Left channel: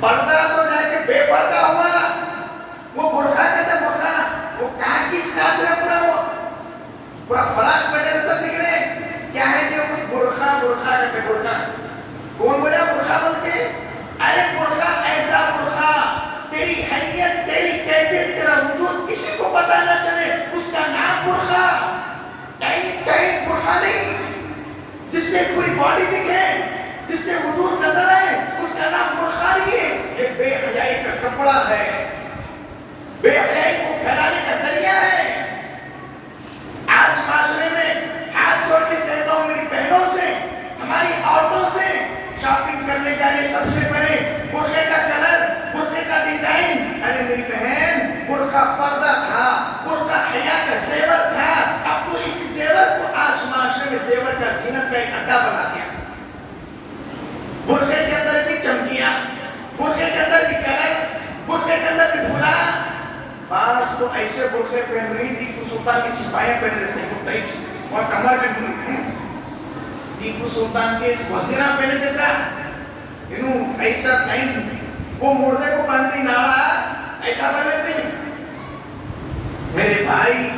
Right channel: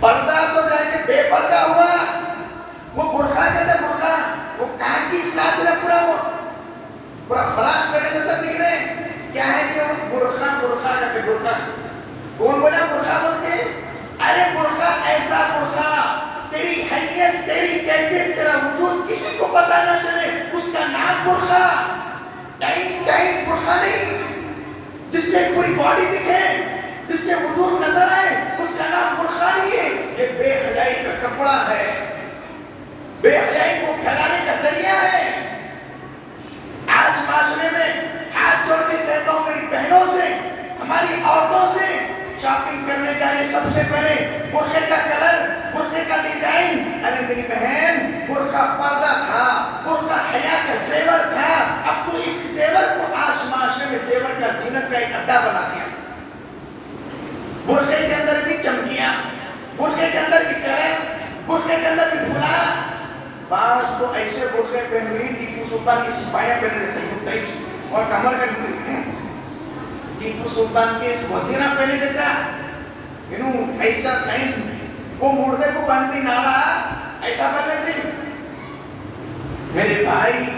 پردہ تو جا کے بے پردہ ہوا. وہ برقع کہتا ہے برقع, وہ کس کاج رہا پورا فراق بیٹے نظر دکھ رہے ہیں. کیا ہے جی وہ برقع کہتے ہیں برقع. کون بولا برقع بولتے ہیں؟ ارے برقع ایسا برقع تیری حیثیت تیری کیفیت تیرا وجود کسی کو پتہ نہ چلے, اس کا نام برقع. ٹائٹ برقع نہیں جس سے پوری باڈی دکھے, جس سے وجود نظر آئے, اس کا نام برقع نہیں ہے. یہ بے حیائی کا کپڑا ہے, بے حیائی کو پھیلانے کا ذریعہ ہے. آج معاشرے میں ہاتھ جوڑ کے کہتا ہوں میری بہنوں سے, ہماری عورتوں سے, شاپنگ کرنے جا رہے سب سے پہلے برقعے کا کلر, برقعے کا ڈیزائن. ارے میری بہن برقع پردہ تھا, برقع حیا کا زیور تھا. اب تو اس زیور کو آج معاشرے میں زیور کا زینت کا ایک اڈا بنا دیا. برقعے کے اندر بھی چمکیاں, برقعے کے اندر بھی کلر, برقعے کے اندر بھی پھولا. بعض تو ایسے برقعے پہن رہی ٹیپو سلطان کی سپاہیاں پہنے جیسے گھٹائی اور کمر کا ٹیپو سلطان کے وزیرہ پہنے جیسا. ایسا ٹائم وہ مردے کو باندھی ناڑا ایسا بنتے. میرے بھائی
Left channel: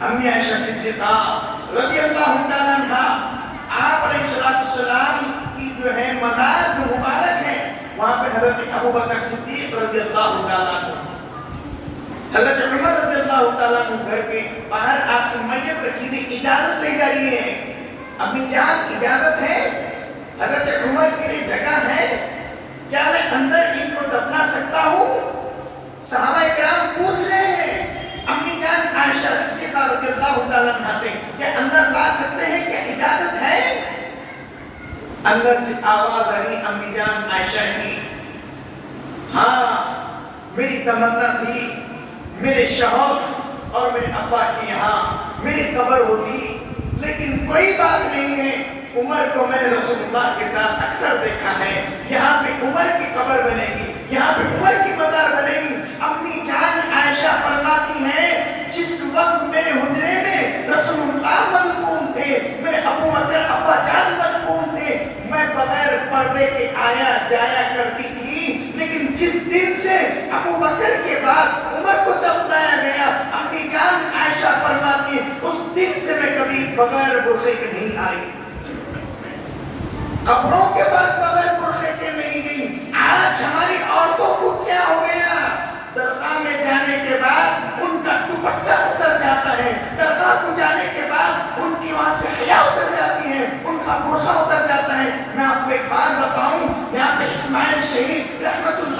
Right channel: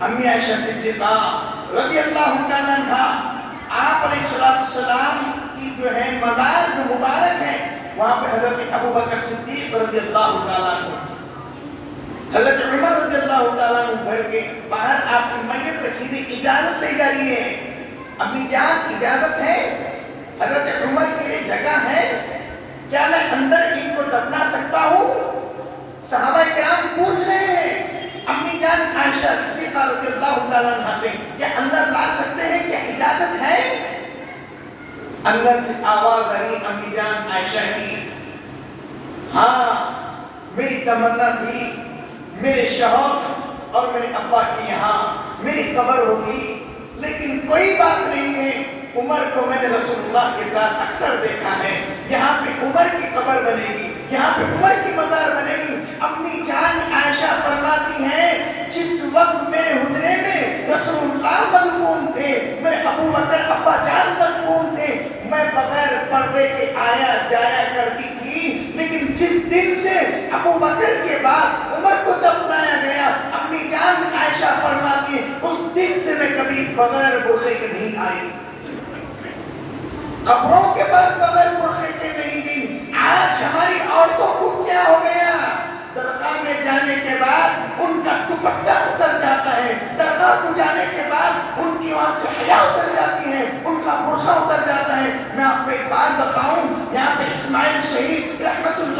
امی عائشہ صدیقہ رضی اللہ تعالیٰ عنہا, آپ علیہ السلام کی جو ہے مزار جو مبارک ہے, وہاں پہ حضرت ابوبکر صدیق رضی اللہ تعالیٰ عنہ, حضرت عمر رضی اللہ تعالیٰ عنہ گھر کے باہر آپ کی میت رکھی ہوئی اجازت لے جا رہی ہے. امی جان اجازت ہے؟ حضرت عمر کے لیے جگہ ہے کیا میں اندر ان کو دفنا سکتا ہوں؟ صحابہ کرام پوچھ رہے ہیں امی جان عائشہ صدیقہ رضی اللہ تعالیٰ عنہ سے, کیا اندر لا سکتے ہیں, کیا اجازت ہے؟ اندر سے آواز آئی امی جان عائشہ کی, ہاں میری تمنا تھی میرے شوہر اور میرے ابا کی یہاں میری قبر ہوتی, لیکن کوئی بات نہیں ہے. عمر کو میں نے رسول اللہ کے ساتھ اکثر دیکھا ہے, یہاں پہ عمر کی قبر بنے گی, یہاں پہ عمر کی مزار بنے گی. امی جان عائشہ فرماتی ہیں جس وقت میرے حجرے میں رسول اللہ مدفون تھے, میرے ابو بکر ابا جان مدفون تھے, میں بغیر پردے کے آیا جایا کرتی تھی, لیکن جس دن سے ابو بکر کے بعد عمر کو دفنایا گیا, امی جان عائشہ فرماتی اس دن سے میں کبھی بغیر برقعے کے نہیں آئی, قبروں کے پاس بغیر برقعے کے نہیں گئی. آج ہماری عورتوں کو کیا ہو گیا, درگاہ میں جانے کے بعد ان کا دوپٹہ اتر جاتا ہے, درگاہ کو جانے کے بعد ان کی وہاں سے حیا اتر جاتی ہے, ان کا برقع اتر جاتا ہے. میں آپ کو ایک بات بتاؤں, یہاں پہ اسماعیل شہید رحمت اللہ